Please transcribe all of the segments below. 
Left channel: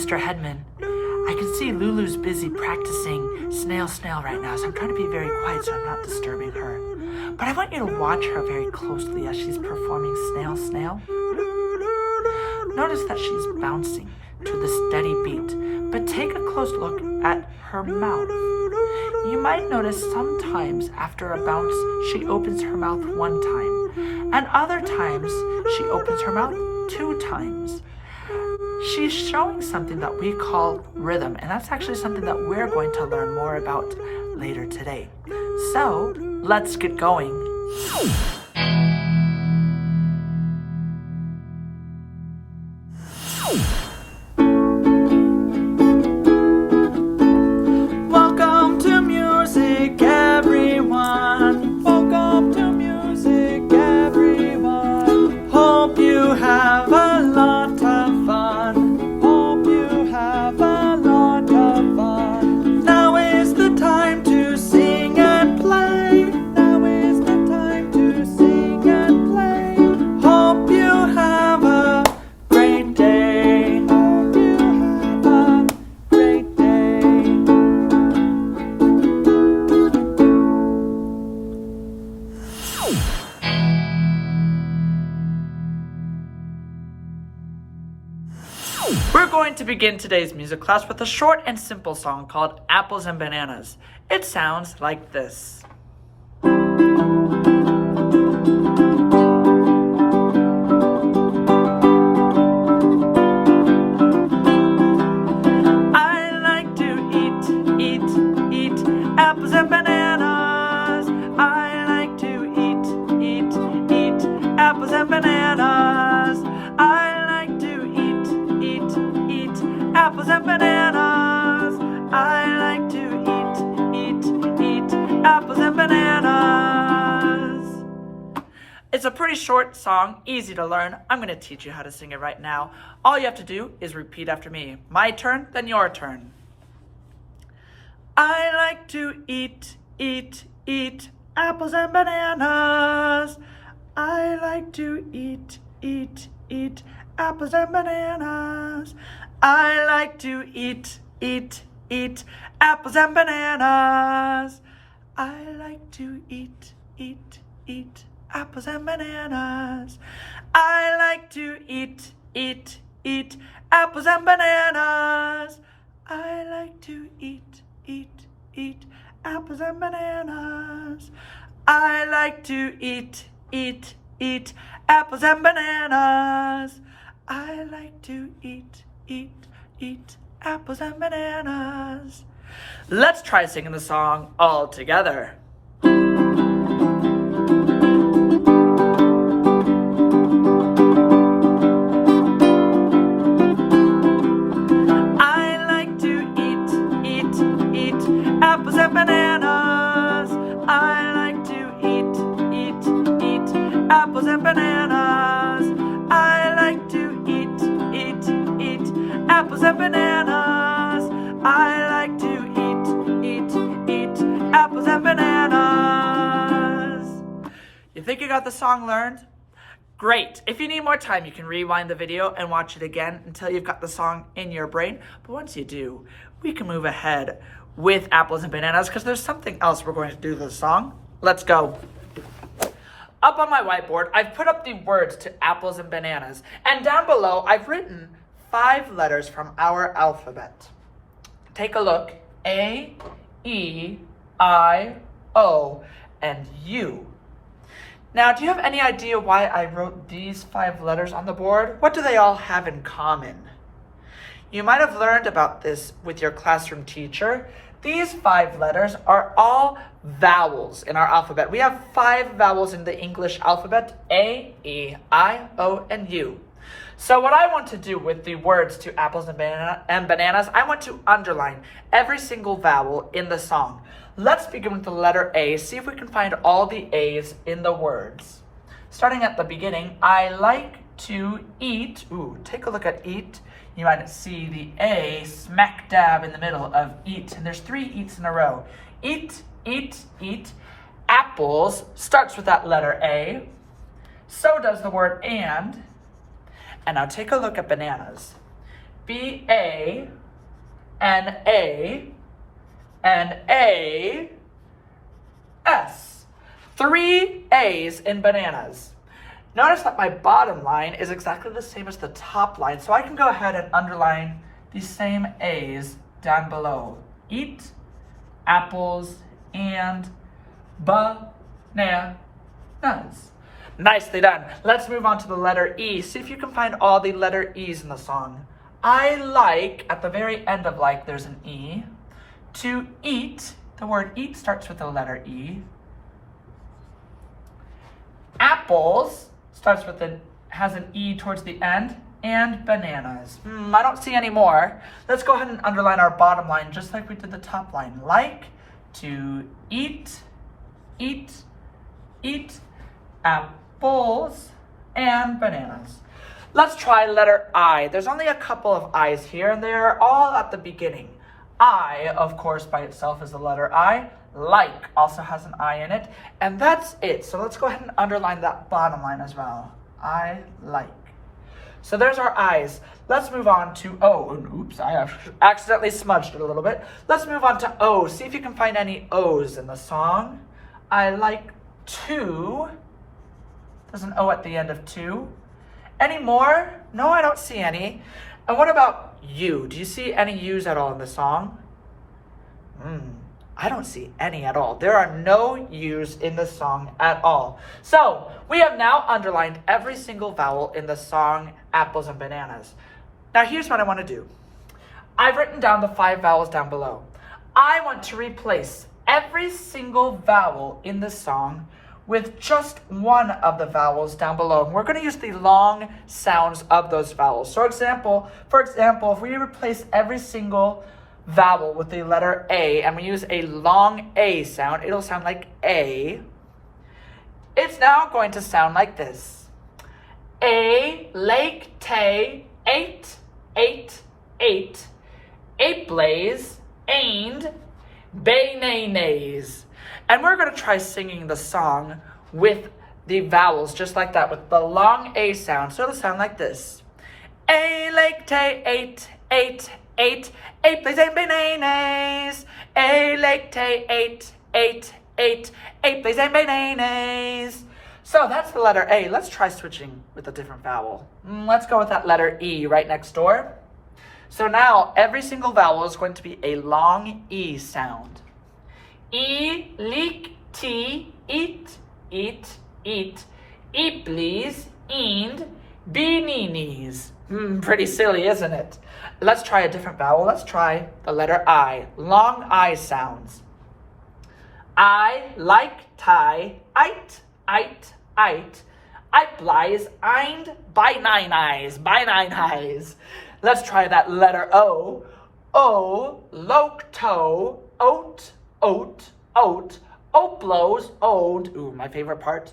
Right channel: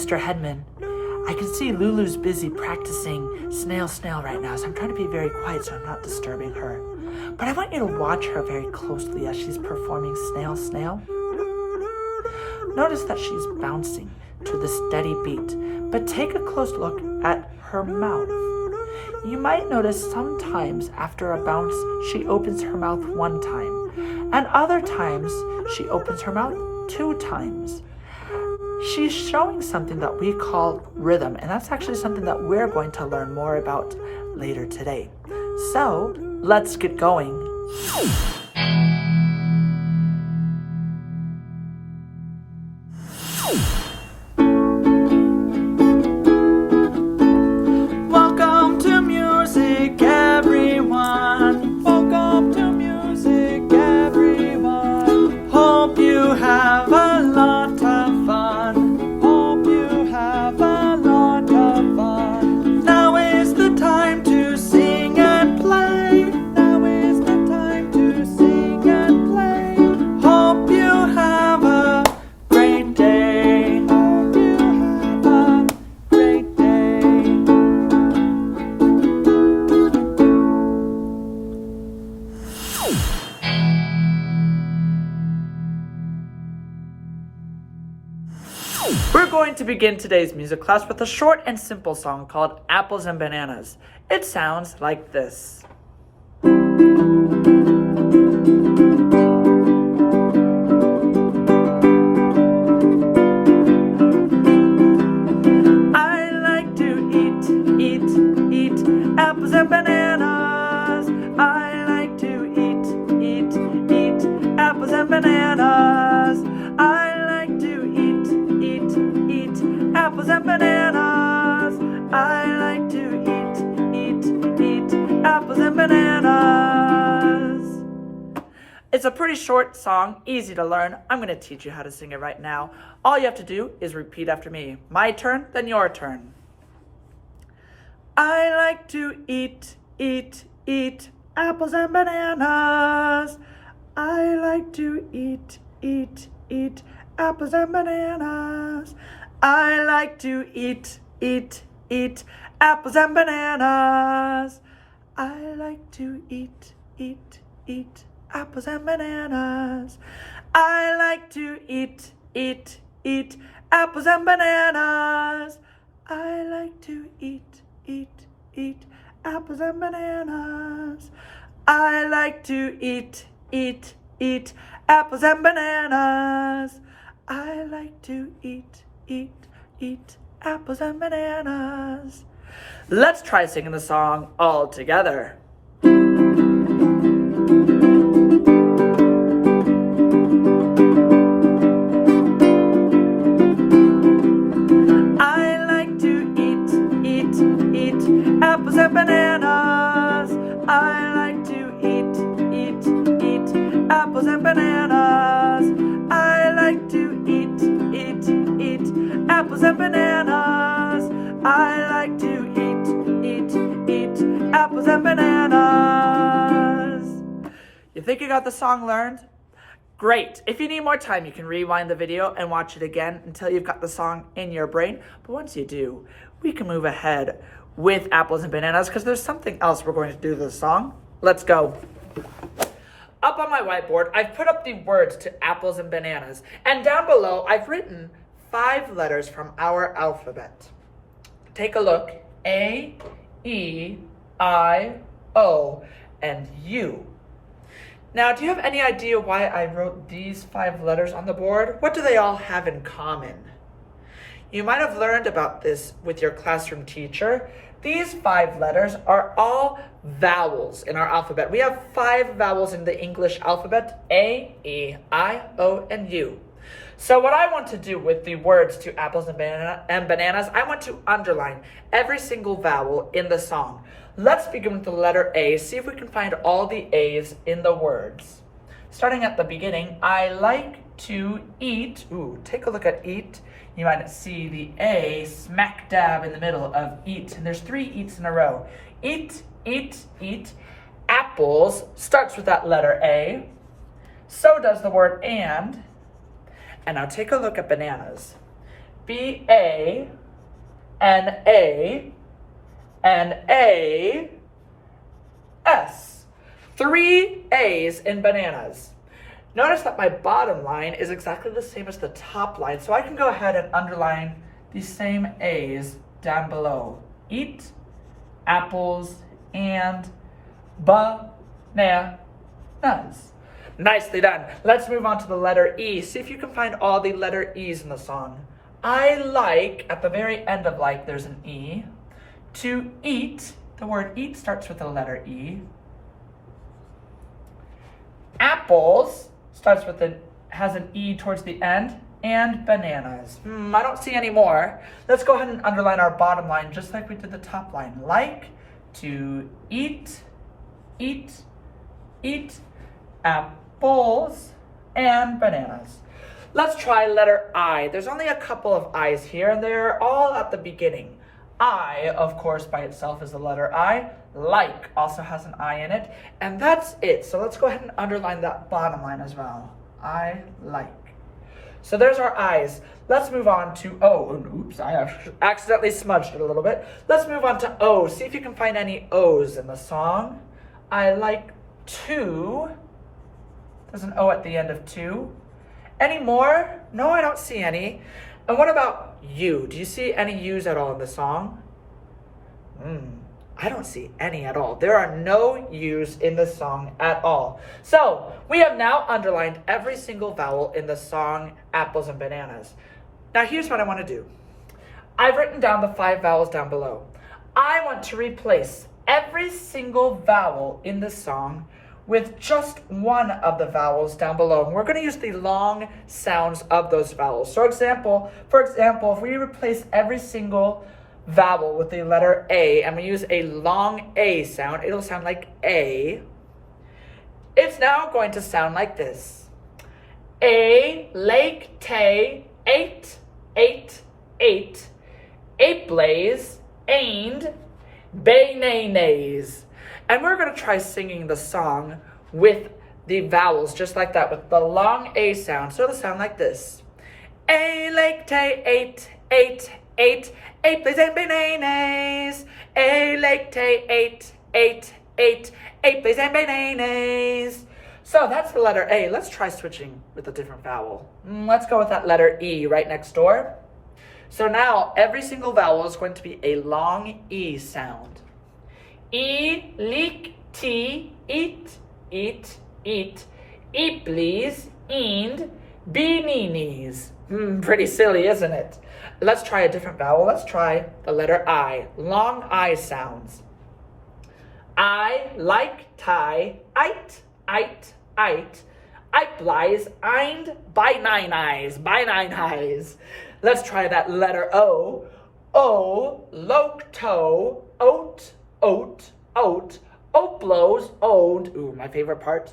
Mr. Headman. I can see Lulu's busy practicing Snail, Snail right now, so I'm trying to be very quiet so I'm not disturbing her. But I want you to watch her very closely as she's performing Snail, Snail. Notice that she's bouncing to the steady beat, but take a close look at her mouth. You might notice sometimes after a bounce, she opens her mouth 1 time, and other times she opens her mouth 2 times. She's showing something that we call rhythm, and that's actually something that we're going to learn more about later today. So, let's get going. Welcome to music, everyone. Welcome to music, everyone. Hope you have a lot of fun. Hope you have a lot of fun. Now is the time to sing and play. Now is the time to sing and play. Hope you have a great day. Hope you have a great day. We're going to begin today's music class with a short and simple song called Apples and Bananas. It sounds like this. I like to eat apples and bananas. I like to eat apples and bananas. I like to eat apples and bananas. I like to eat apples and bananas. It's a pretty short song, easy to learn. I'm going to teach you how to sing it right now. All you have to do is repeat after me. My turn, then your turn. I like to eat apples and bananas. I like to eat apples and bananas. I like to eat apples and bananas. I like to eat apples and bananas. I like to eat apples and bananas. I like to eat apples and bananas. I like to eat apples and bananas. I like to eat apples and bananas. Let's try singing the song all together. I like to eat apples and bananas. I like to eat apples and bananas. I like to eat apples and bananas. I like to eat apples and bananas. You think you got the song learned? Great. If you need more time, you can rewind the video and watch it again until you've got the song in your brain. But once you do, we can move ahead with apples and bananas because there's something else we're going to do to the song. Let's go. Up on my whiteboard, I've put up the words to apples and bananas. And down below, I've written 5 letters from our alphabet. Take a look. A, E, I, O, and U. Now, do you have any idea why I wrote these 5 letters on the board? What do they all have in common? You might have learned about this with your classroom teacher. These 5 letters are all vowels in our alphabet. We have 5 vowels in the English alphabet: A, E, I, O, and U. So what I want to do with the words to apples and bananas, I want to underline every single vowel in the song. Let's begin with the letter A. See if we can find all the A's in the words. Starting at the beginning, I like to eat. Ooh, take a look at eat. You might see the A smack dab in the middle of eat. And there's 3 eats in a row. Eat, eat, eat. Apples starts with that letter A. So does the word and. And now take a look at bananas. B-A, N-A, and A-S. 3 A's in bananas. Notice that my bottom line is exactly the same as the top line, so I can go ahead and underline these same A's down below. Eat apples and bananas. Nicely done. Let's move on to the letter E. See if you can find all the letter E's in the song. I like, at the very end of like, there's an E. To eat, the word eat starts with the letter E. Apples starts with has an E towards the end, and bananas. I don't see any more. Let's go ahead and underline our bottom line just like we did the top line. Like to eat, apples and bananas. Let's try letter I. There's only a couple of I's here, and they're all at the beginning. I, of course, by itself is the letter I. Like also has an I in it, and that's it. So let's go ahead and underline that bottom line as well. I like. So there's our I's. Let's move on to O. And oops, I have accidentally smudged it a little bit. Let's move on to O. See if you can find any O's in the song. I like to. There's an O at the end of to. Any more? No, I don't see any. And what about you? Do you see any U's at all in the song? I don't see any at all. There are no U's in the song at all. So we have now underlined every single vowel in the song Apples and Bananas. Now here's what I want to do. I've written down the 5 vowels down below. I want to replace every single vowel in the song with just one of the vowels down below. And we're going to use the long sounds of those vowels. So for example, if we replace every single vowel with the letter A and we use a long A sound, it'll sound like A. It's now going to sound like this. A, lake, tay, eight, blaze, aind, bay, nay, nays. And we're going to try singing the song with the vowels just like that, with the long A sound. So it'll sound like this. A, lake, tay, eight, blaze, aind, bay, nay, nays. A, lake, tay, eight, blaze, aind, bay, nay, nays. So that's the letter A. Let's try switching with a different vowel. Let's go with that letter E right next door. So now every single vowel is going to be a long E sound. E, leak, tea, eat, please, eend, beanies. Pretty silly, isn't it? Let's try a different vowel. Let's try the letter I. Long I sounds. I, like, tie, ite, blies, eind, by 9 eyes. Let's try that letter O. O, loke, toe, oat, blows, owned, my favorite part,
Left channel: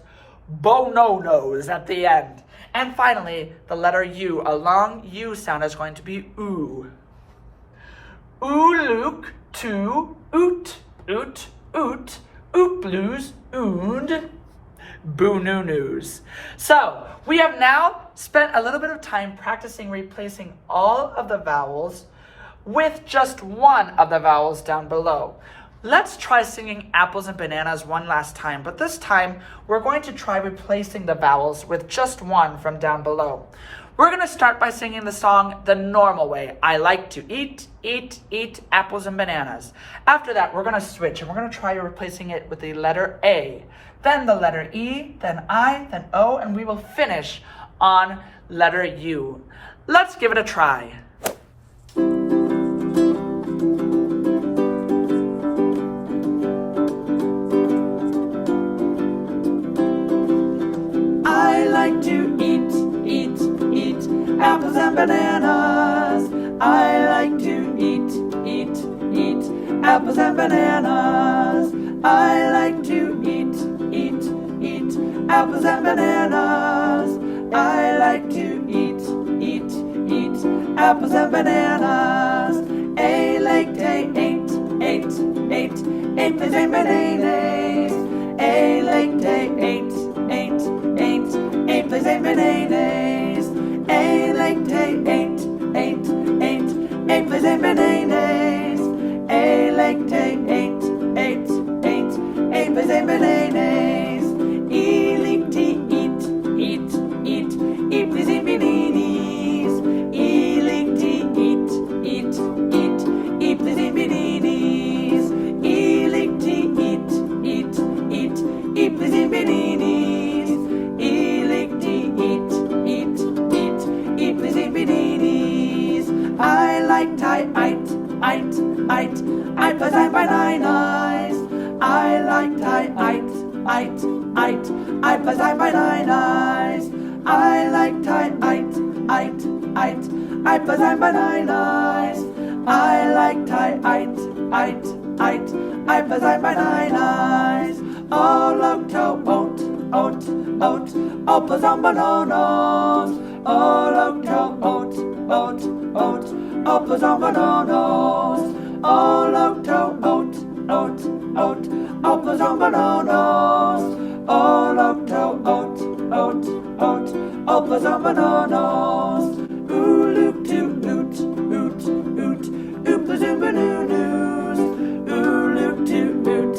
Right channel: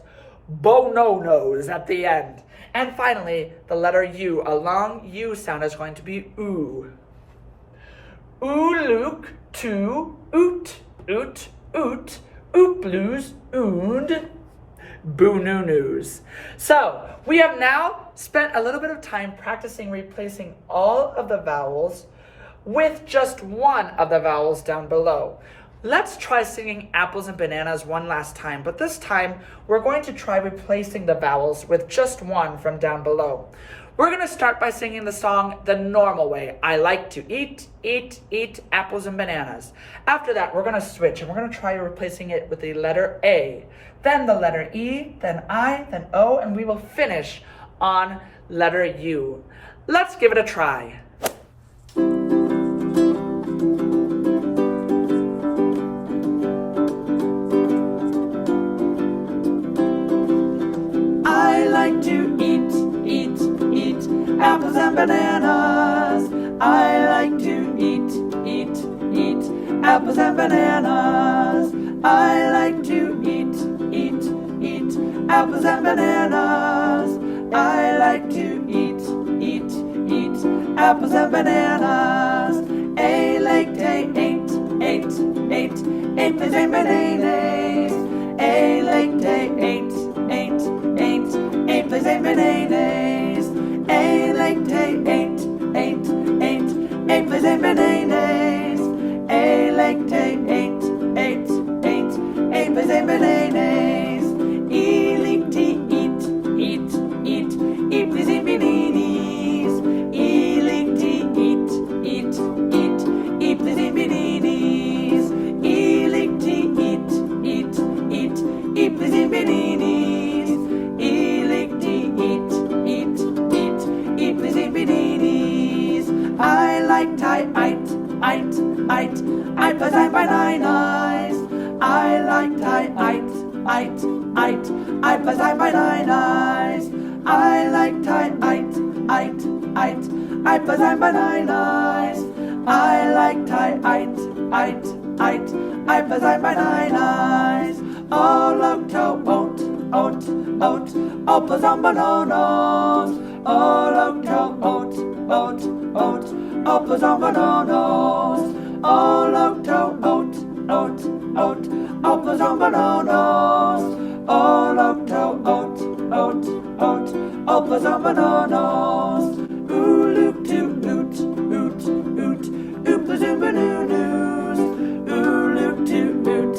bononos at the end. And finally, the letter U, a long U sound is going to be oo. Luke, to, oot, blues, oond, boo-noo-noos. So, we have now spent a little bit of time practicing replacing all of the vowels with just one of the vowels down below. Let's try singing apples and bananas one last time, but this time we're going to try replacing the vowels with just one from down below. We're going to start by singing the song the normal way. I like to eat apples and bananas. After that, we're going to switch and we're going to try replacing it with the letter A, then the letter E, then I, then O, and we will finish on letter U. Let's give it a try. Apples and bananas. I like to eat apples and bananas. I like to eat apples and bananas. I like to eat apples and bananas. A like day, eight, plays aind, bananas. A like day, eight, plays aind, bananas. A like day, eight, and bananas. A like eight, eight, eight, apples and bananas. E like to eat, eat, eat, apples and bananas. E like to eat, eat, eat, apples and bananas. E like to eat, eat, eat, apples and bananas. E like to eat, eat, eat, apples and bananas. I like tie, eight, apples and bananas. I like tie, eight, apples and bananas. I like tie, eight, apples and bananas. I like tie, eight, apples and bananas. Oh, look to oat, apples and bananas. Oh, look to oat, apples and bananas. Oh, look to oat, apples and bananas. Oh, look to oat, apples and bananas. Ooh, look to oot, apples and bananas. Ooh, look to oot,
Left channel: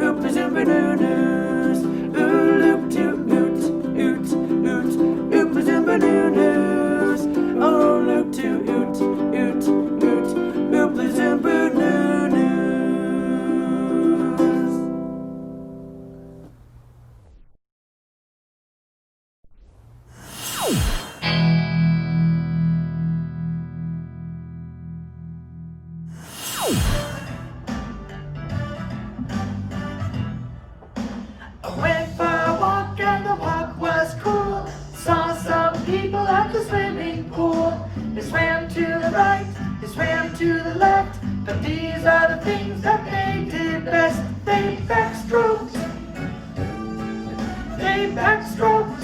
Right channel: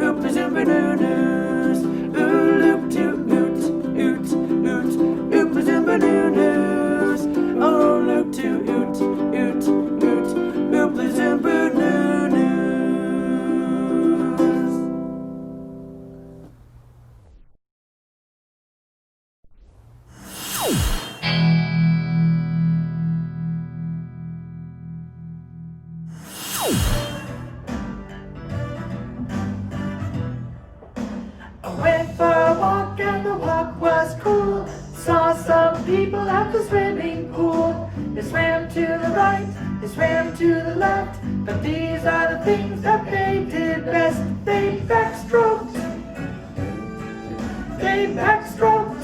apples and bananas. Ooh, look to oot, apples and bananas. Oh, look to oot, apples and bananas. I went for a walk and the walk was cool. Saw some people at the swimming pool. They swam to the right, they swam to the left, but these are the things that they did best. They backstroked, they backstroked,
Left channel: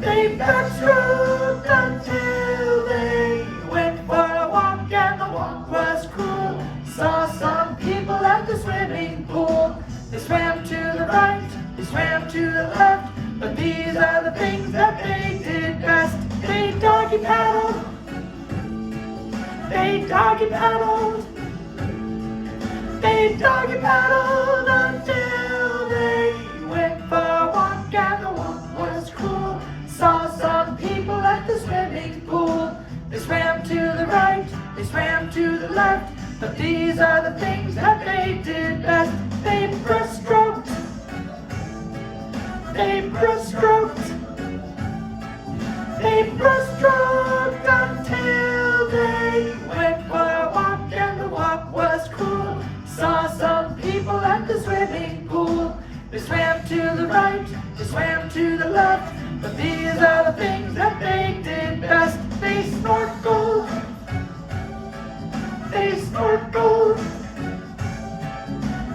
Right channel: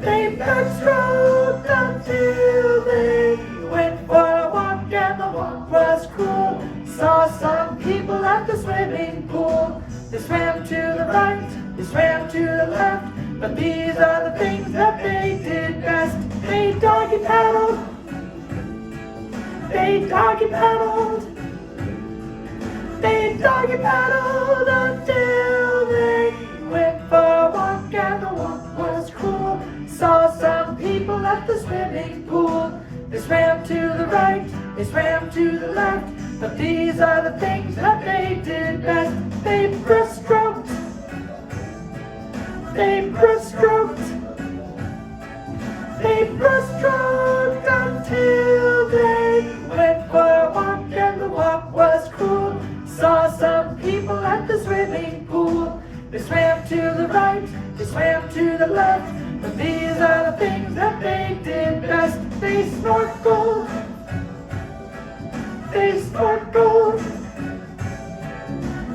they backstroked until they went for a walk and the walk was cool. Saw some people at the swimming pool. They swam to the right, they swam to the left, but these are the things that they did best. They doggy paddled, they doggy paddled, they doggy paddled until they went for a walk and the walk was cool. Saw some people at the swimming pool. They swam to the right, they swam to the left, but these are the things that they did best. They breaststroked, they breaststroked, they breaststroked until they went for a walk and the walk was cool. Saw some people at the swimming pool. They swam to the right, they swam to the left, but these are the things that they did best. They snorkeled, they snorkeled,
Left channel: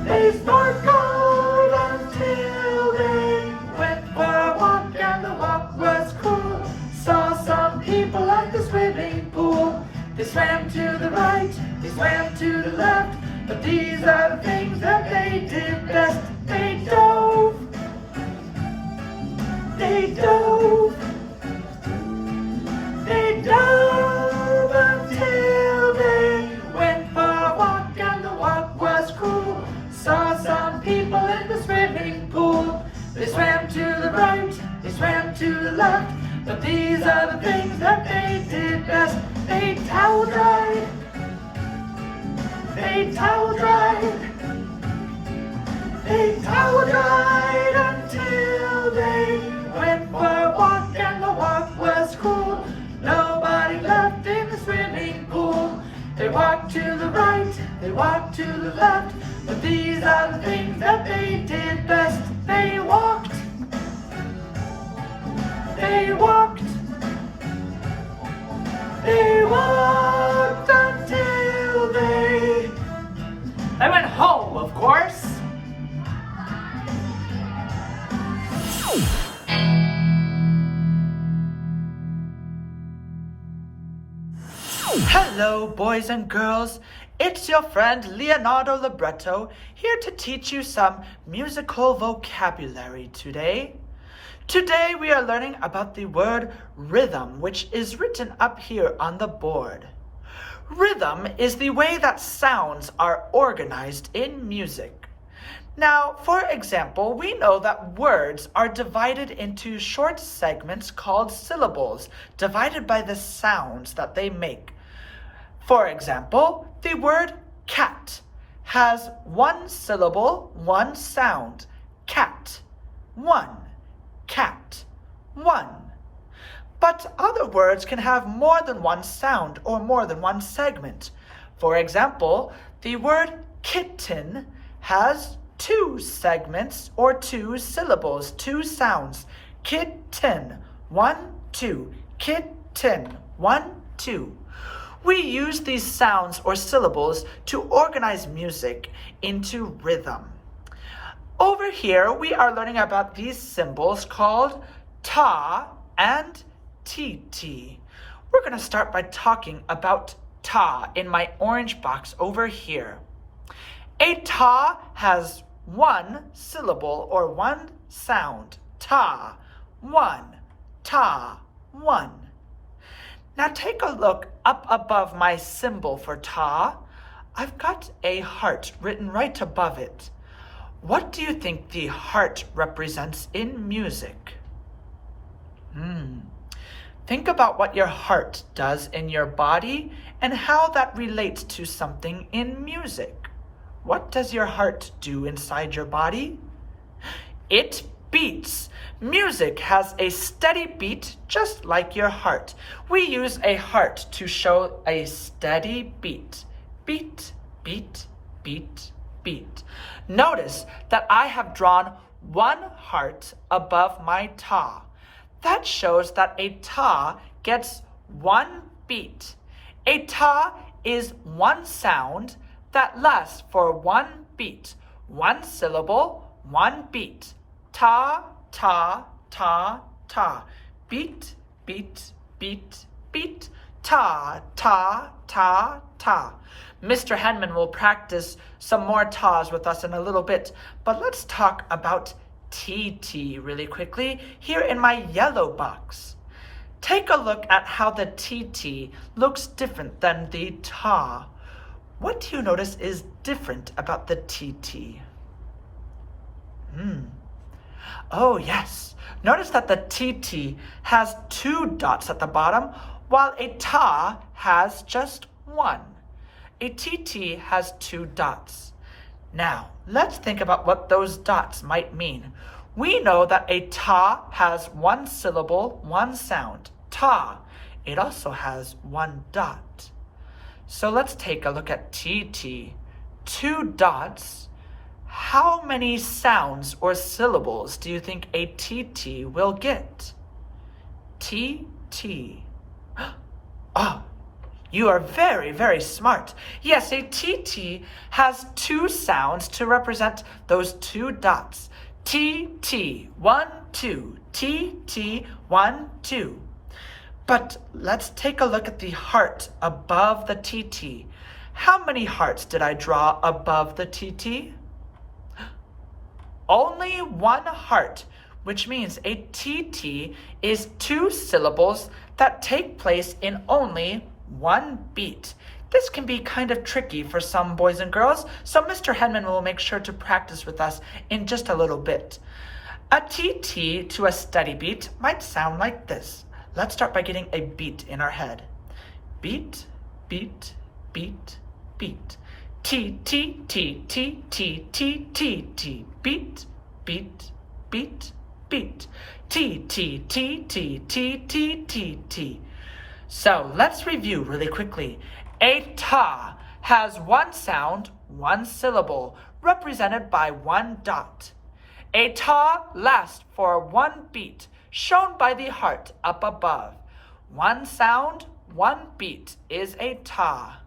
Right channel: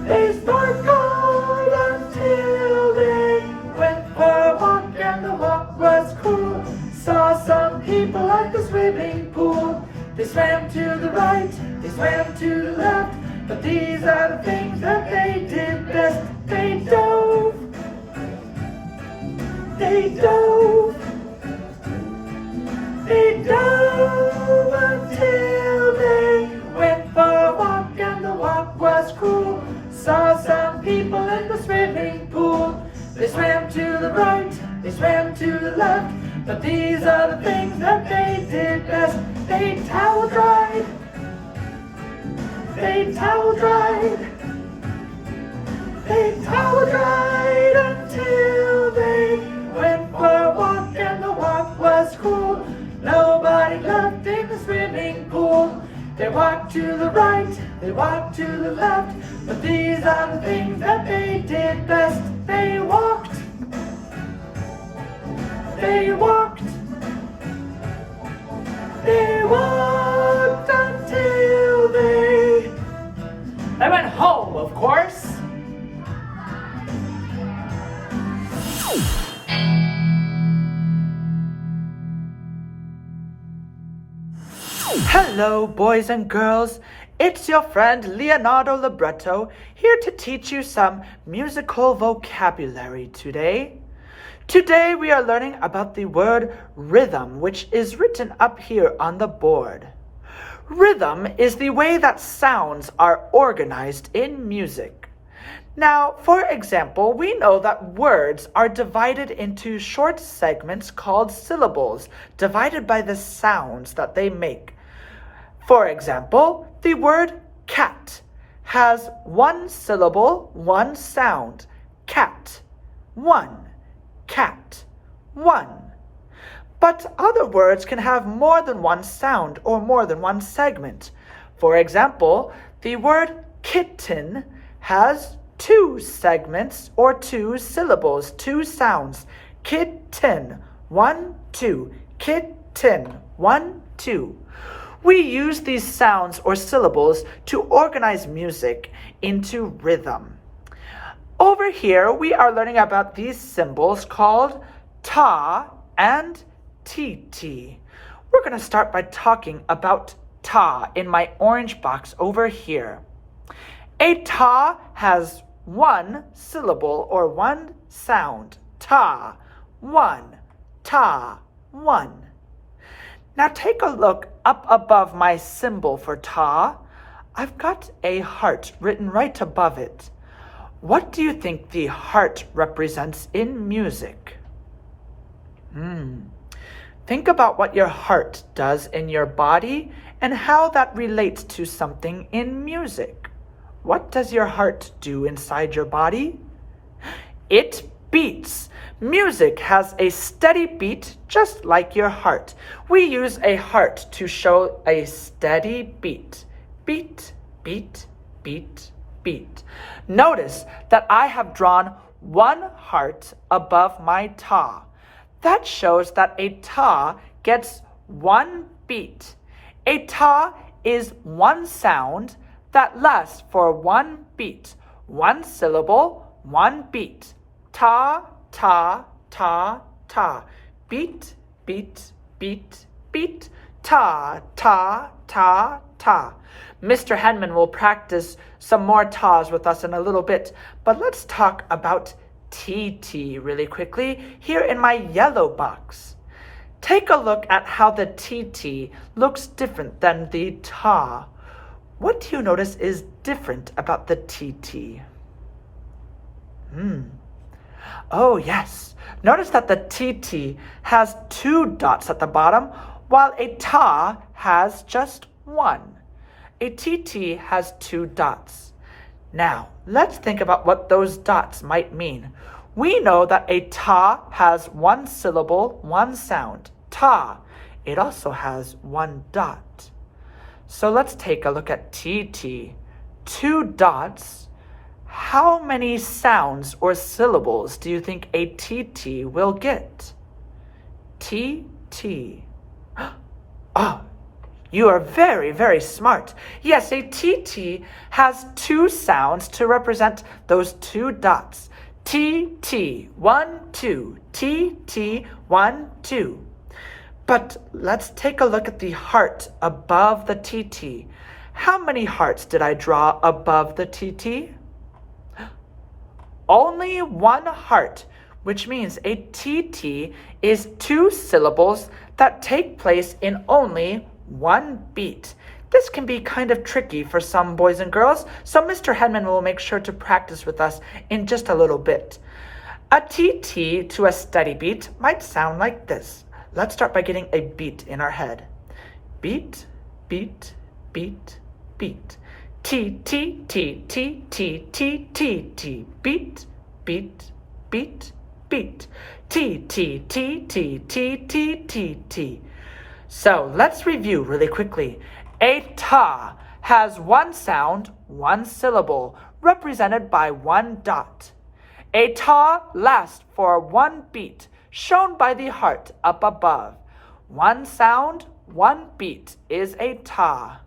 they snorkeled until they went for a walk and the walk was cool. Saw some people at the swimming pool. They swam to the right, they swam to the left, but these are the things that they did best. They dove, they dove, they dove until they went for a walk and the walk was cool. Saw some people in the swimming pool. They swam to the right, they swam to the left, but these are the things that they did best. They towel dried, they towel dried, they towel dried until they went for a walk and the walk was cool. Nobody left in the swimming pool. They walked to the right, they walked to the left, but these are the things that they did best. They walked, they walked, they walked until they went home, of course. Hello, boys and girls. It's your friend Leonardo Libretto here to teach you some musical vocabulary today. Today we are learning about the word rhythm, which is written up here on the board. Rhythm is the way that sounds are organized in music. Now, for example, we know that words are divided into short segments called syllables, divided by the sounds that they make. For example, the word cat has one syllable, one sound. Cat, one. Cat, one. But other words can have more than one sound or more than one segment. For example, the word kitten has two segments or two syllables, two sounds. Kitten, one, two. Kitten, one, two. We use these sounds or syllables to organize music into rhythm. Over here, we are learning about these symbols called ta and tt. We're going to start by talking about ta in my orange box over here. A ta has one syllable or one sound. Ta, one. Ta, one. Now take a look up above my symbol for ta. I've got a heart written right above it. What do you think the heart represents in music? Think about what your heart does in your body and how that relates to something in music. What does your heart do inside your body? It beats. Music has a steady beat just like your heart. We use a heart to show a steady beat. Beat, beat, beat, beat. Notice that I have drawn one heart above my ta. That shows that a ta gets one beat. A ta is one sound that lasts for one beat. One syllable, one beat. Ta, ta, ta, ta. Beat, beat, beat, beat. Ta, ta, ta, ta. Mr. Henman will practice some more tas with us in a little bit, but let's talk about TT really quickly here in my yellow box. Take a look at how the TT looks different than the ta. What do you notice is different about the TT? Oh yes, notice that the TT has two dots at the bottom while a ta has just one. A TT has two dots. Now, let's think about what those dots might mean. We know that a ta has one syllable, one sound. Ta. It also has one dot. So let's take a look at TT. Two dots. How many sounds or syllables do you think a TT will get? TT. Oh, you are very, very smart. Yes, a TT has two sounds to represent those two dots. TT, 1, 2. TT, 1, 2. But let's take a look at the heart above the TT. How many hearts did I draw above the TT? Only one heart, which means a TT is two syllables that take place in only one beat. This can be kind of tricky for some boys and girls, so Mr. Henman will make sure to practice with us in just a little bit. A TT to a steady beat might sound like this. Let's start by getting a beat in our head. Beat, beat, beat, beat. T, T, T, T, T, T, T, T. Beat, beat, beat, beat. T, T, T, T, T, T, T, T. So let's review really quickly. A ta has one sound, one syllable, represented by one dot. A ta lasts for one beat, shown by the heart up above. One sound, one beat is a ta.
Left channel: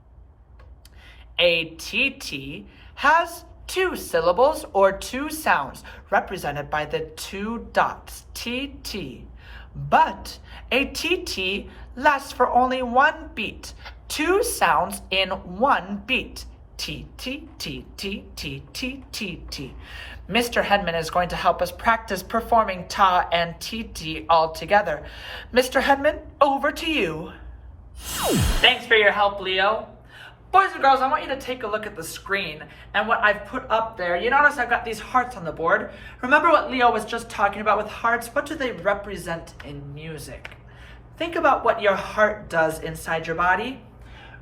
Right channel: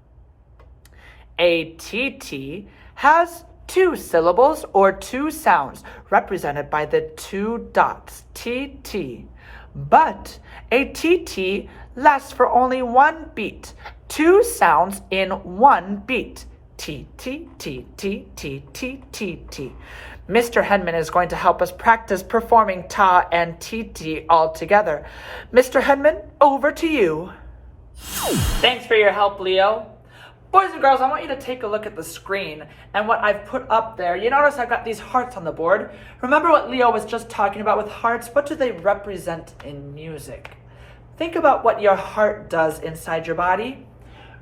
A TT has two syllables or two sounds, represented by the two dots, TT. But a TT lasts for only one beat, two sounds in one beat. T, T, T, T, T, T, T, T. Mr. Henman is going to help us practice performing ta and tt all together. Mr. Henman, over to you. Thanks for your help, Leo. Boys and girls, I want you to take a look at the screen and what I've put up there. You notice I've got these hearts on the board. Remember what Leo was just talking about with hearts? What do they represent in music? Think about what your heart does inside your body.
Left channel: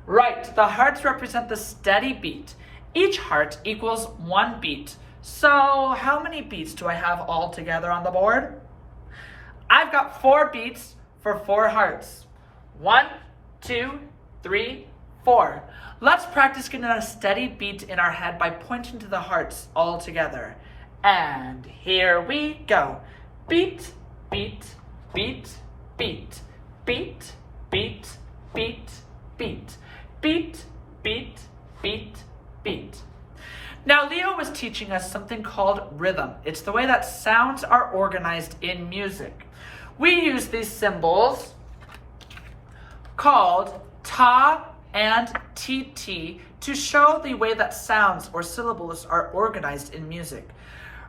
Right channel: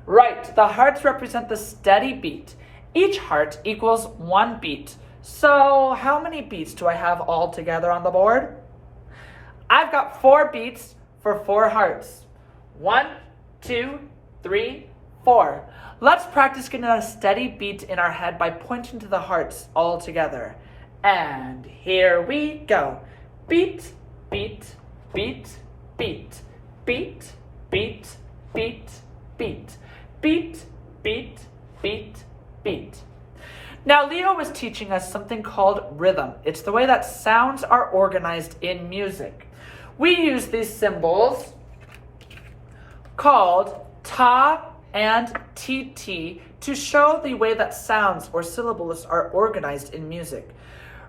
Right, the hearts represent the steady beat. Each heart equals 1 beat. So how many beats do I have all together on the board? I've got 4 beats for 4 hearts. 1, 2, 3, 4. Let's practice getting a steady beat in our head by pointing to the hearts all together. And here we go. Beat, beat, beat, beat, beat, beat, beat, beat, beat, beat, beat, beat. Now, Leo was teaching us something called rhythm. It's the way that sounds are organized in music. We use these symbols called ta and tt to show the way that sounds or syllables are organized in music.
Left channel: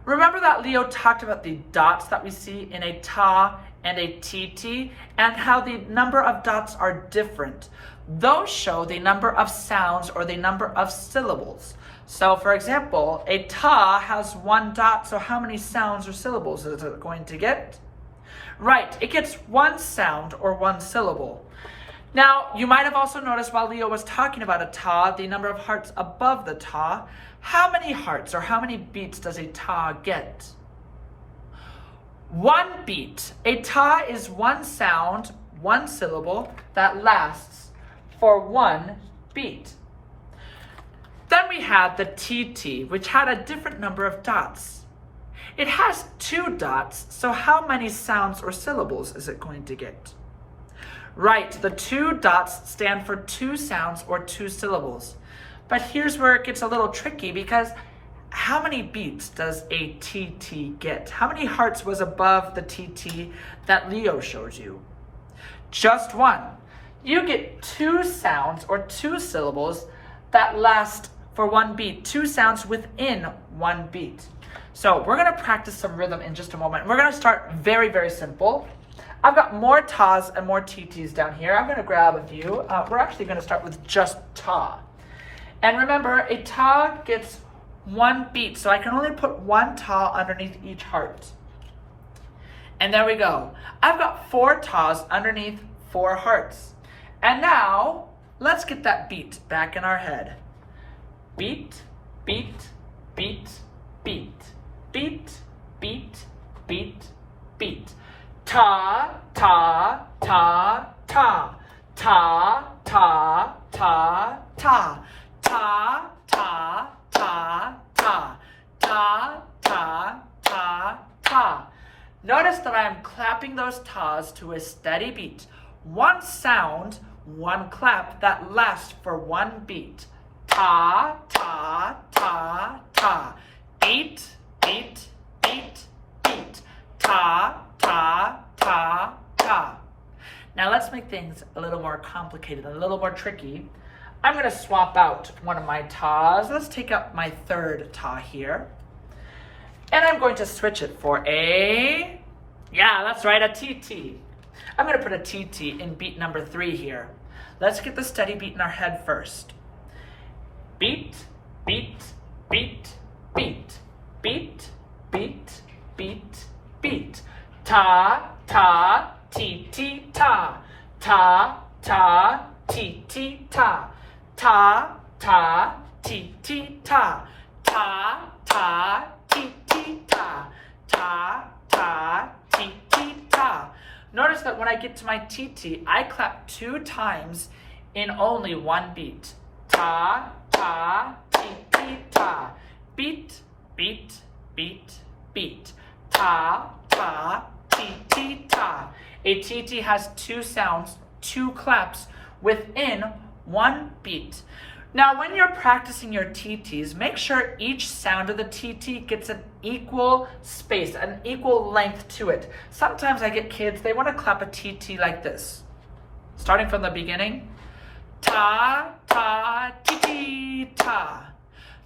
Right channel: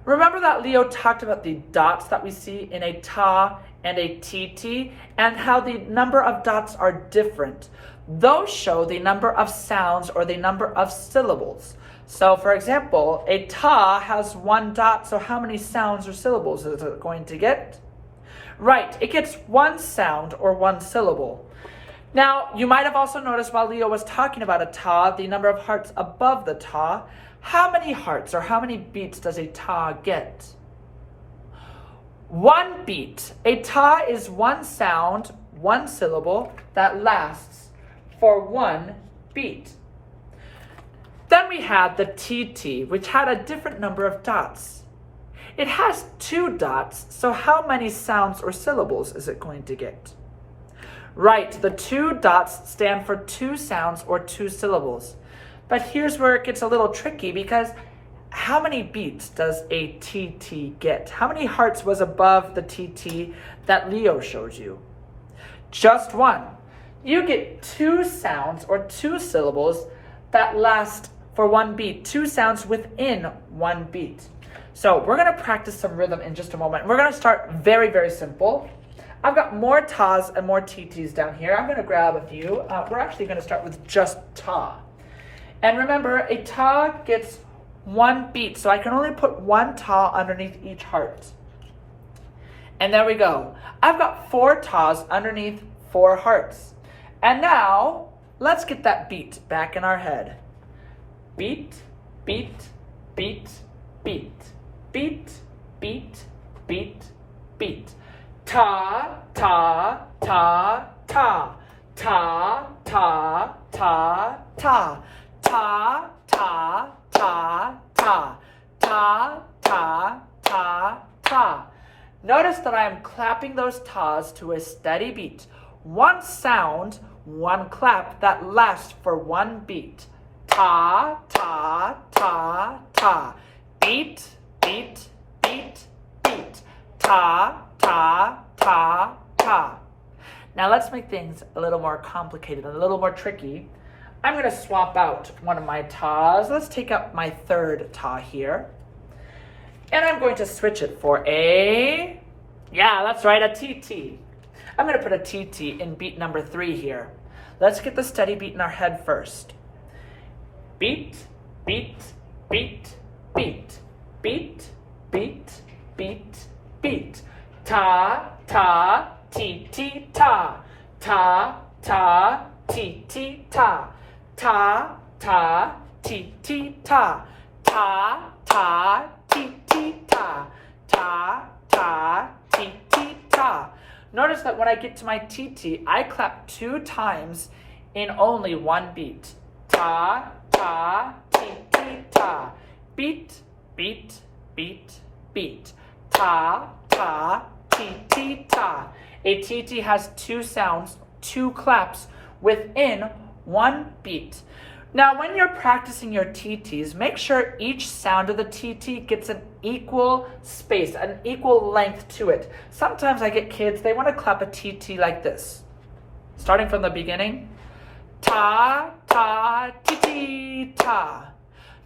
Remember that Leo talked about the dots that we see in a ta and a tt and how the number of dots are different. Those show the number of sounds or the number of syllables. So for example, a ta has 1 dot, so how many sounds or syllables is it going to get? Right, it gets 1 sound or 1 syllable. Now, you might have also noticed while Leo was talking about a ta, the number of hearts above the ta. How many hearts or how many beats does a ta get? 1 beat. A ta is 1 sound, 1 syllable that lasts for 1 beat. Then we have the tt, which had a different number of dots. It has 2 dots, so how many sounds or syllables is it going to get? Right, the 2 dots stand for 2 sounds or 2 syllables. But here's where it gets a little tricky because how many beats does a tt get? How many hearts was above the tt that Leo showed you? Just 1. You get 2 sounds or 2 syllables that last for 1 beat, 2 sounds within 1 beat. So we're going to practice some rhythm in just a moment. We're going to start very, very simple. I've got more tas and more tts down here. I'm going to grab a few. We're actually going to start with just ta. And remember, a ta gets 1 beat, so I can only put 1 ta underneath each heart. And there we go. I've got 4 tas underneath 4 hearts. And now, let's get that beat back in our head. Beat, beat, beat, beat, beat, beat, beat, beat. Ta, ta, ta, ta, ta, ta, ta, ta, ta, ta, ta, ta, ta, ta, ta, ta. Notice that I am clapping those tas to a steady beat. 1 sound, 1 clap that lasts for 1 beat. Ta, ta, ta, ta. Beat, beat, beat, beat. Ta, ta, ta, ta. Now let's make things a little more complicated and a little more tricky. I'm going to swap out one of my tas. Let's take out my 3rd ta here. And I'm going to switch it for a, yeah, that's right, a tt. I'm going to put a tt in beat number 3 here. Let's get the steady beat in our head first. Beat, beat, beat, beat, beat, beat, beat, beat. Ta, ta, ti, ti, ta. Ta, ta, ti, ti, ta. Ta, ta, ti, ti, ta. Ta, ta, ti, ti, ta. Ta, ta, ti, ti, ta. Notice that when I get to my tt, I clap 2 times in only 1 beat. Ta, ta, ti, ti, ta. Beat, beat, beat, beat. Ta, ta, ti, ti, ta. A tt has 2 sounds, 2 claps within 1 beat. Now, when you're practicing your TTs, make sure each sound of the TT gets an equal space, an equal length to it. Sometimes I get kids, they want to clap a TT like this. Starting from the beginning. Ta, ta, ti, ti, ta.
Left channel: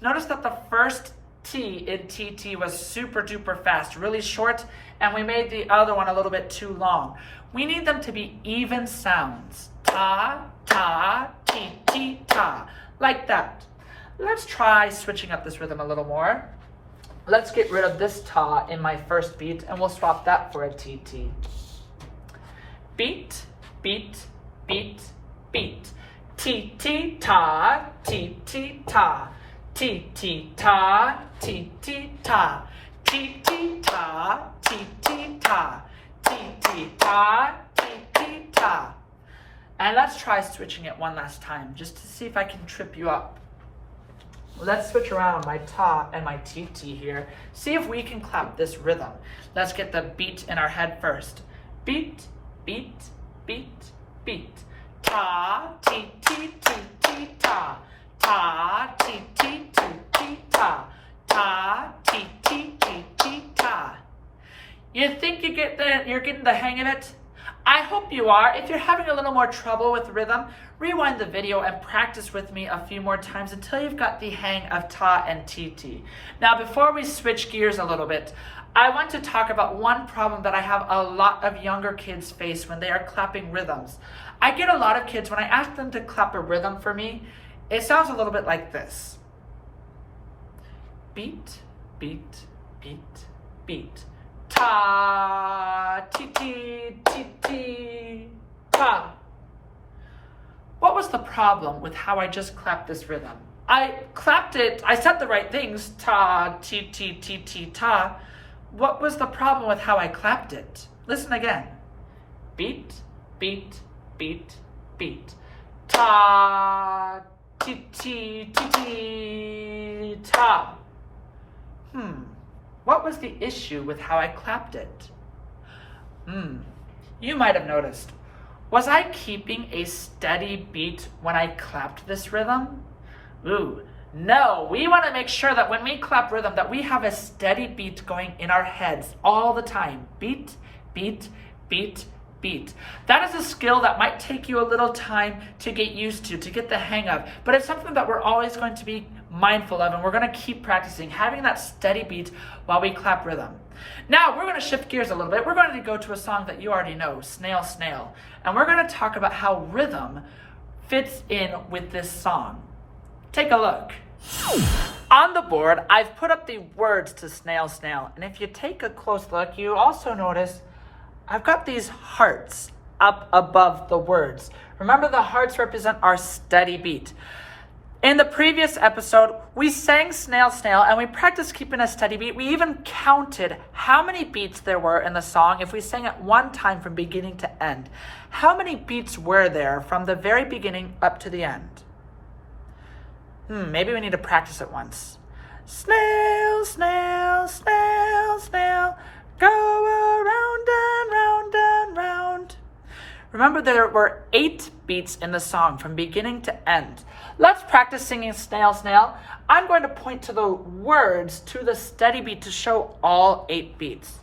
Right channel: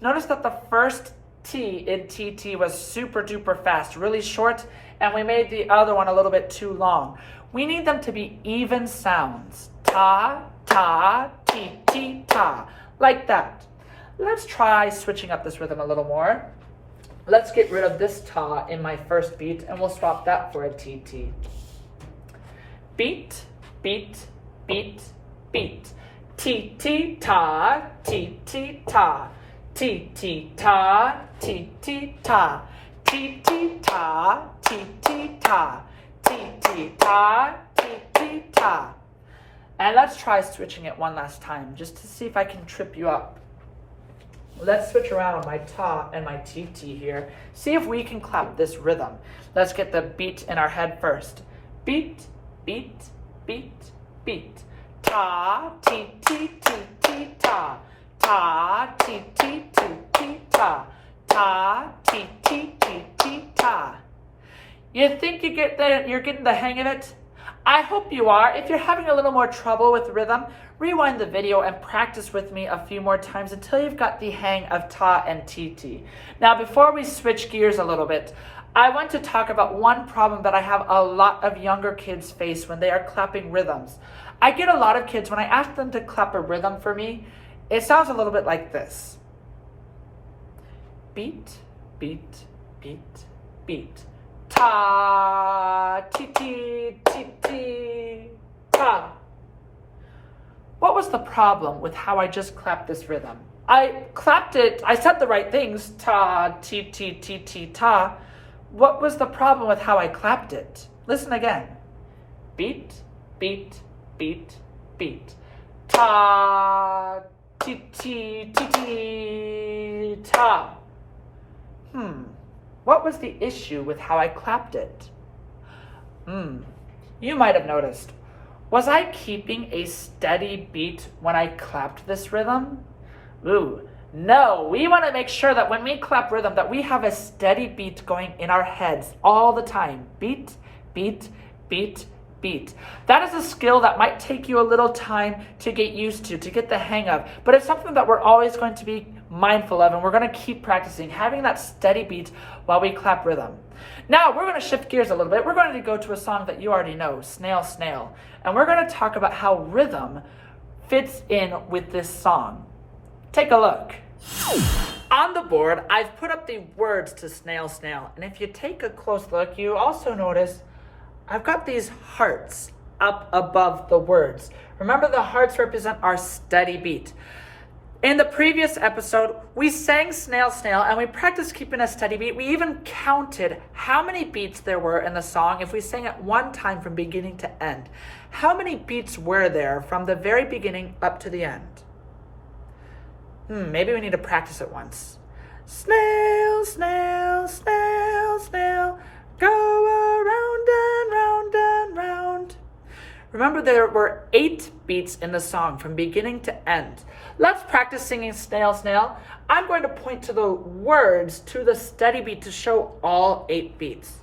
Notice that the first T in TT was super duper fast, really short, and we made the other one a little bit too long. We need them to be even sounds. Ta, ta, ti, ti, ta, like that. Let's try switching up this rhythm a little more. Let's get rid of this ta in my first beat, and we'll swap that for a TT. Beat, beat, beat, beat. Ti, ti, ta, ti, ti, ta. Ti, ti, ta, ti, ti, ta. Ti, ti, ta, ti, ti, ta. Ti, ti, ta, ti, ti, ta. And let's try switching it one last time, just to see if I can trip you up. Let's switch around my ta and my TT here. See if we can clap this rhythm. Let's get the beat in our head first. Beat, beat, beat, beat. Ta, ti, ti, ti, ti, ta. Ta, ti, ti, ti, ti, ta. Ta, ti, ti, ti, ti, ta. You think you're getting the hang of it? I hope you are. If you're having a little more trouble with rhythm, rewind the video and practice with me a few more times until you've got the hang of ta and TT. Now, before we switch gears a little bit, I want to talk about one problem that I have a lot of younger kids face when they are clapping rhythms. I get a lot of kids, when I ask them to clap a rhythm for me, it sounds a little bit like this. Beat, beat, beat, beat. Ta, ti, ti, ti, ti, ta. What was the problem with how I just clapped this rhythm? I clapped it, I said the right things, ta, ti, ti, ti, ti, ta. What was the problem with how I clapped it? Listen again. Beat, beat, beat, beat. Ta, ti, ti, ti, ti, ta. What was the issue with how I clapped it? You might have noticed. Was I keeping a steady beat when I clapped this rhythm? No. We want to make sure that when we clap rhythm that we have a steady beat going in our heads all the time. Beat, beat, beat, beat. That is a skill that might take you a little time to get used to get the hang of, but it's something that we're always going to be mindful of, and we're going to keep practicing having that steady beat while we clap rhythm. Now we're going to shift gears a little bit. We're going to go to a song that you already know, Snail, Snail, and we're going to talk about how rhythm fits in with this song. Take a look. On the board, I've put up the words to Snail, Snail, and if you take a close look, you also notice I've got these hearts up above the words. Remember, the hearts represent our steady beat. In the previous episode, we sang Snail, Snail, and we practiced keeping a steady beat. We even counted how many beats there were in the song if we sang it one time from beginning to end. How many beats were there from the very beginning up to the end? Maybe we need to practice it once. Snail, snail, snail, snail, go around and round and round. Remember, there were 8 beats in the song from beginning to end. Let's practice singing Snail, Snail. I'm going to point to the words to the steady beat to show all 8 beats.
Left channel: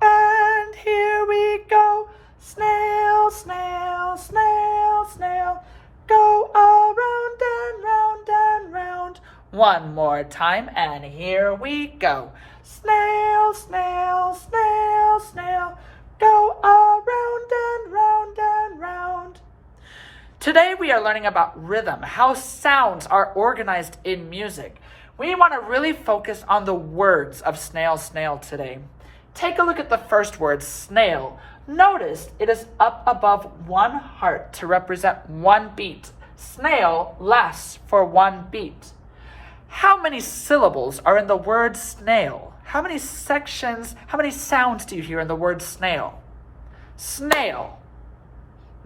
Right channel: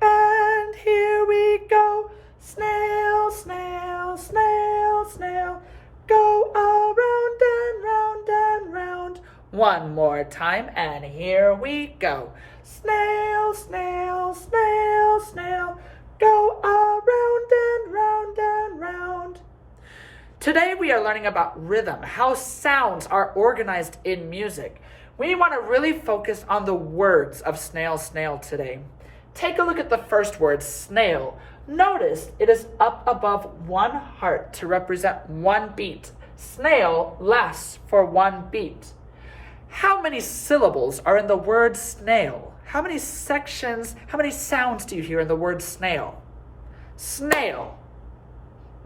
And here we go. Snail, snail, snail, snail, go around and round and round. One more time, and here we go. Snail, snail, snail, snail, go around and round and round. Today we are learning about rhythm, how sounds are organized in music. We want to really focus on the words of Snail, Snail today. Take a look at the first word, snail. Notice it is up above one heart to represent one beat. Snail lasts for one beat. How many syllables are in the word snail? How many sections, how many sounds do you hear in the word snail? Snail.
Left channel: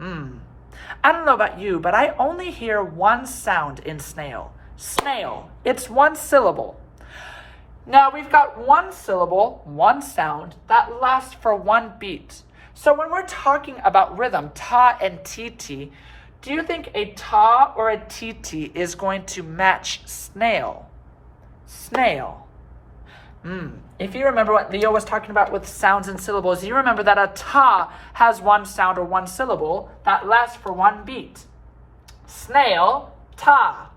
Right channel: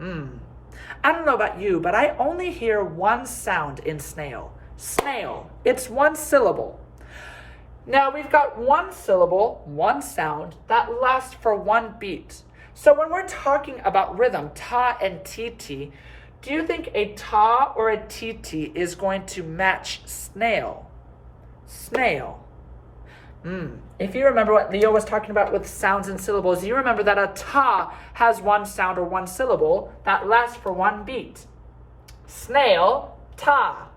I don't know about you, but I only hear one sound in snail. Snail. It's one syllable. Now we've got one syllable, one sound that lasts for one beat. So when we're talking about rhythm, ta and TT, do you think a ta or a TT is going to match snail? Snail. If you remember what Leo was talking about with sounds and syllables, you remember that a ta has one sound or one syllable that lasts for one beat. Snail, ta.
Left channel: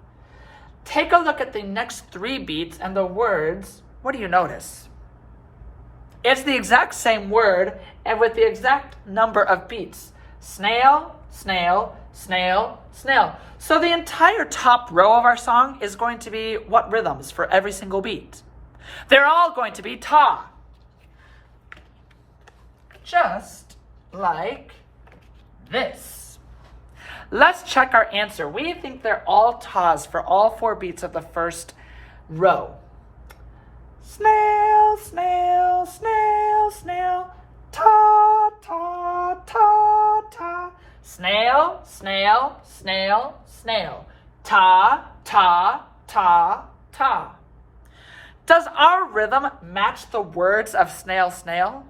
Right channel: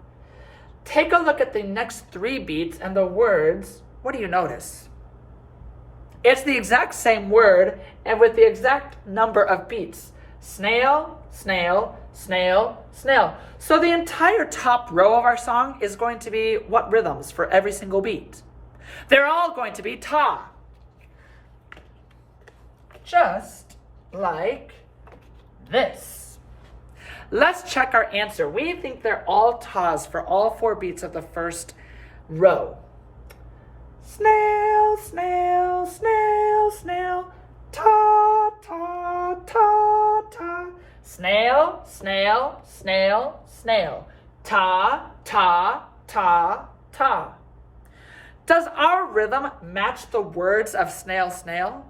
Take a look at the next 3 beats and the words. What do you notice? It's the exact same word and with the exact number of beats. Snail, snail, snail, snail. So the entire top row of our song is going to be what rhythms for every single beat? They're all going to be ta. Just like this. Let's check our answer. We think they're all tas for all 4 beats of the first row. Snail, snail, snail, snail, ta, ta, ta, ta. Snail, snail, snail, snail, ta, ta, ta, ta. Does our rhythm match the words of snail, snail?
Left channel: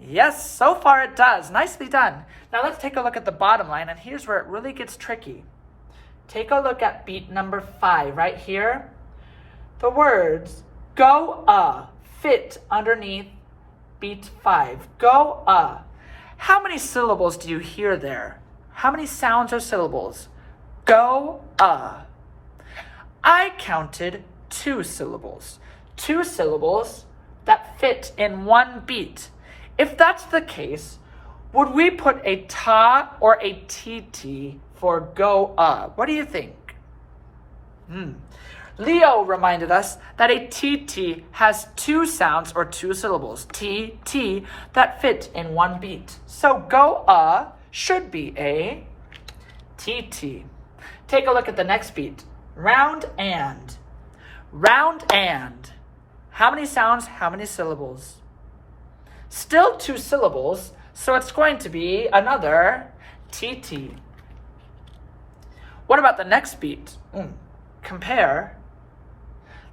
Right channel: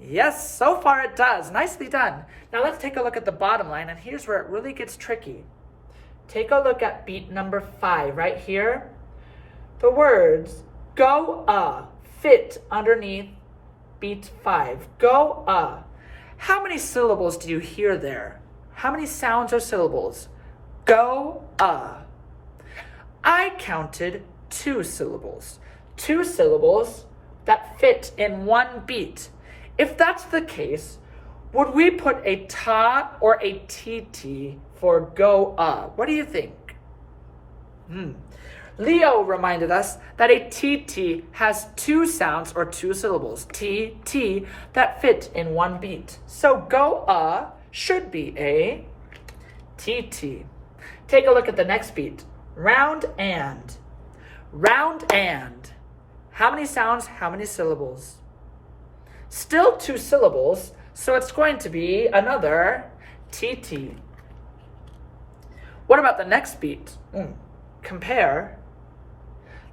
Yes, so far it does. Nicely done. Now let's take a look at the bottom line, and here's where it really gets tricky. Take a look at beat number 5 right here. The words go fit underneath beat 5. Go How many syllables do you hear there? How many sounds or syllables? Go I counted 2 syllables. 2 syllables that fit in 1 beat. If that's the case, would we put a ta or a tt for go What do you think? Leo reminded us that a tt has 2 sounds or 2 syllables, t, t, that fit in 1 beat. So go should be a tt. Take a look at the next beat. Round and. Round and. How many sounds, how many syllables? Still 2 syllables, so it's going to be another tt. What about the next beat? Compare.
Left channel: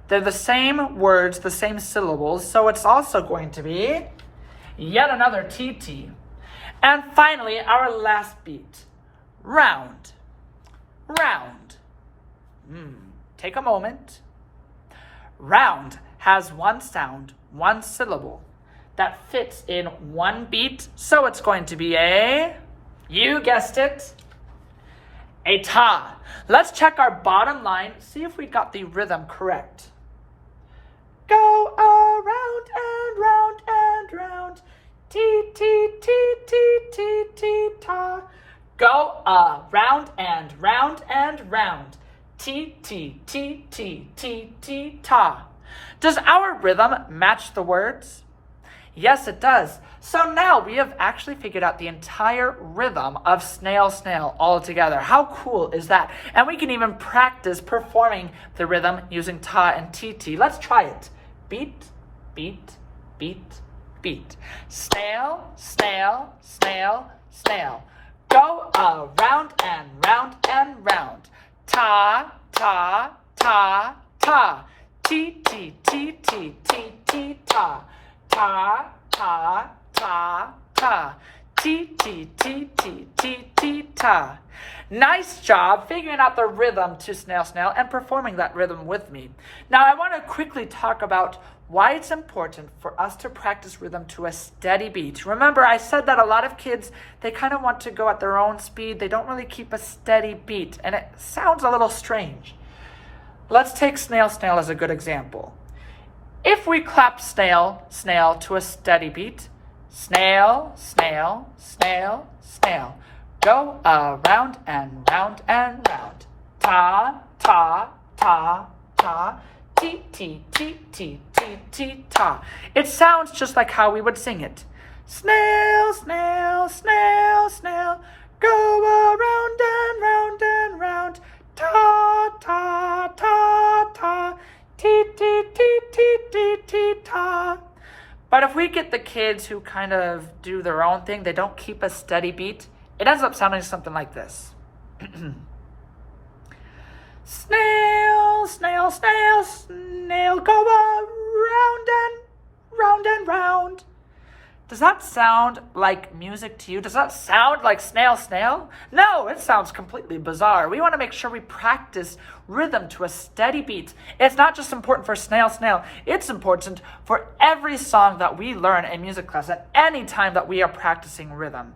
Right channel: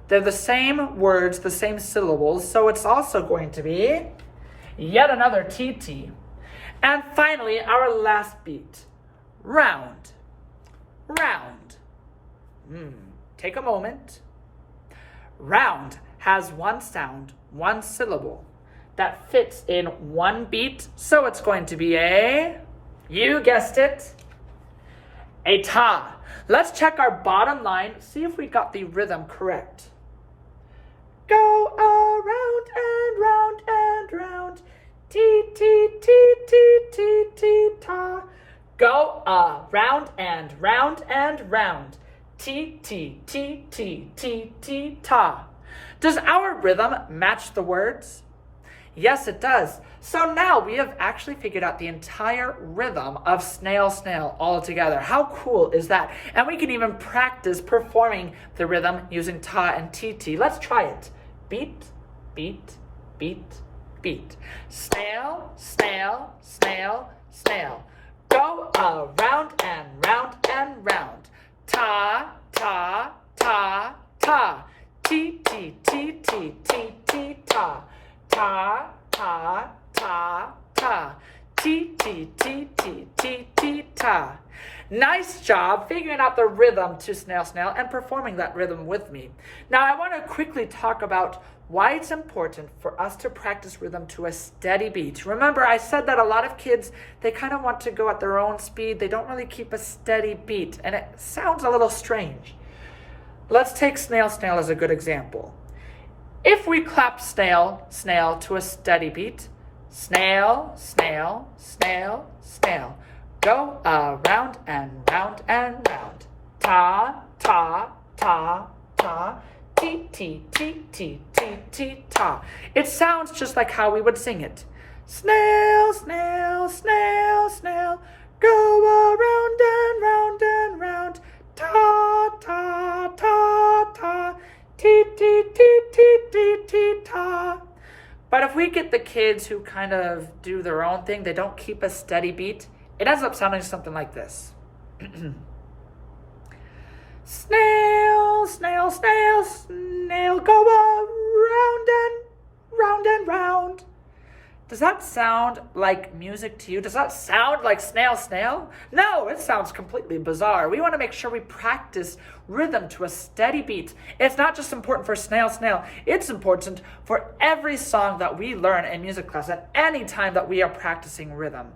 They're the same words, the same syllables, so it's also going to be yet another tt. And finally, our last beat. Round. Round. Take a moment. Round has 1 sound, 1 syllable that fits in 1 beat, so it's going to be a, you guessed it, a ta. Let's check our bottom line, see if we got the rhythm correct. Go around and round and round, T, T, T, T, T, T, ta. Go round and round and round, T, T, T, T, T, T, ta. Does our rhythm match the words? Yes, it does. So now we have actually figured out the entire rhythm of Snail, Snail all together. How cool is that? And we can even practice performing the rhythm using ta and tt. Let's try it. Beat, beat, beat, beat. Snail, snail, snail, snail. Go around and round and round. Ta, ta, ta, ta. T, T, T, T, T, T, ta. Ta, ta, ta, ta. T, T, T, T, T, T, ta. Nice job figuring out the rhythm to Snail, Snail and performing that rhythm with me. Now I want to quickly talk about why it's important for us to practice rhythm to a steady beat. Remember, I said that a lot of kids, they kind of want to go at their own speed. They don't really keep a steady beat, and it sounds a little strange. Let's take Snail, Snail as a good example. If we clap snail, snail to a steady beat, snail, snail, snail, snail, go around and round and round. Ta, ta, ta, ta, ti, ti, ti, ti, ti, ti, ta. It sounds just like how we would sing it. Snail, snail, snail, snail, go around and round and round. Ta, ta, ta, ta, ti, ti, ti, ti, ti, ti, ta. But if we get the kids who kind of do their own thing, they don't keep a steady beat, it ends up sounding something like this. Snail, snail, snail, snail, go around and round and round. Does that sound like music to you? Does that sound like Snail, Snail? No, it sounds completely bizarre. We want to make sure we practice rhythm to a steady beat. It's not just important for Snail, Snail. It's important for every song that we learn in music class at any time that we are practicing rhythm.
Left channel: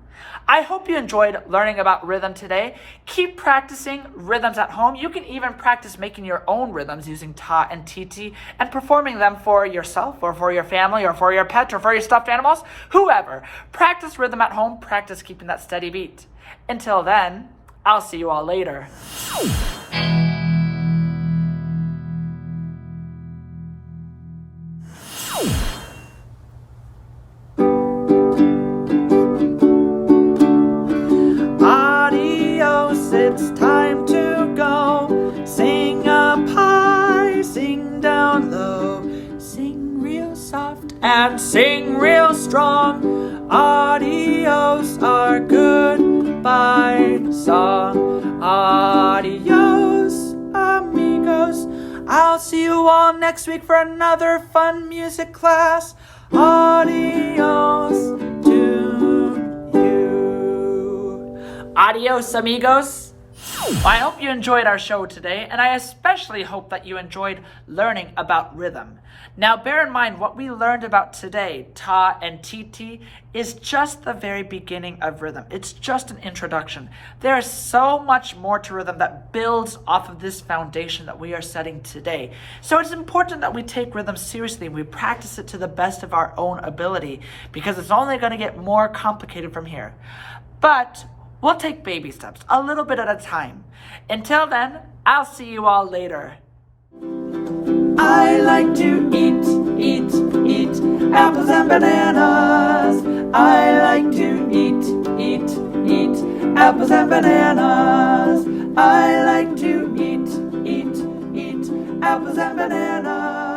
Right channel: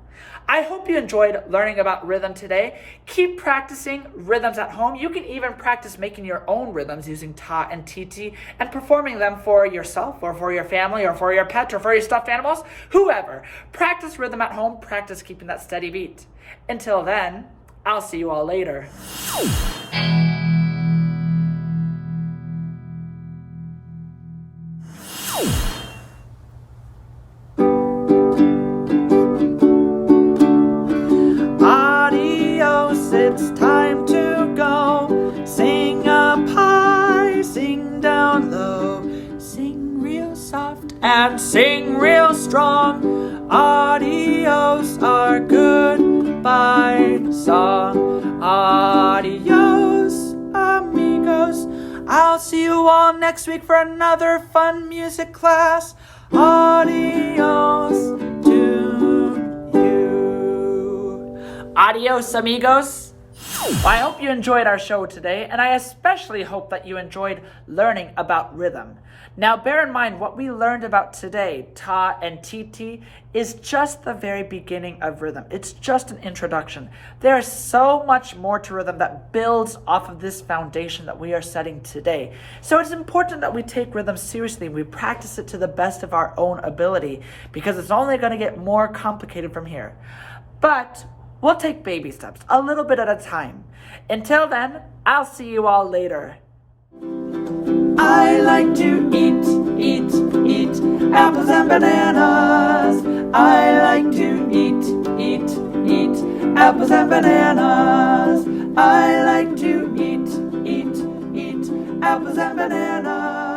I hope you enjoyed learning about rhythm today. Keep practicing rhythms at home. You can even practice making your own rhythms using ta and tt and performing them for yourself or for your family or for your pet or for your stuffed animals, whoever. Practice rhythm at home. Practice keeping that steady beat. Until then, I'll see you all later. Adios, it's time to go. Sing up high, sing down low. Sing real soft and sing real strong. Adios, our goodbye song. Adios, amigos. I'll see you all next week for another fun music class. Adios to you. Adios, amigos. Well, I hope you enjoyed our show today, and I especially hope that you enjoyed learning about rhythm. Now, bear in mind what we learned about today, ta and tt, is just the very beginning of rhythm. It's just an introduction. There is so much more to rhythm that builds off of this foundation that we are setting today. So it's important that we take rhythm seriously and we practice it to the best of our own ability, because it's only going to get more complicated from here. But we'll take baby steps, a little bit at a time. Until then, I'll see you all later. I like to eat apples and bananas. I like to eat apples and bananas. I like to eat apples and bananas.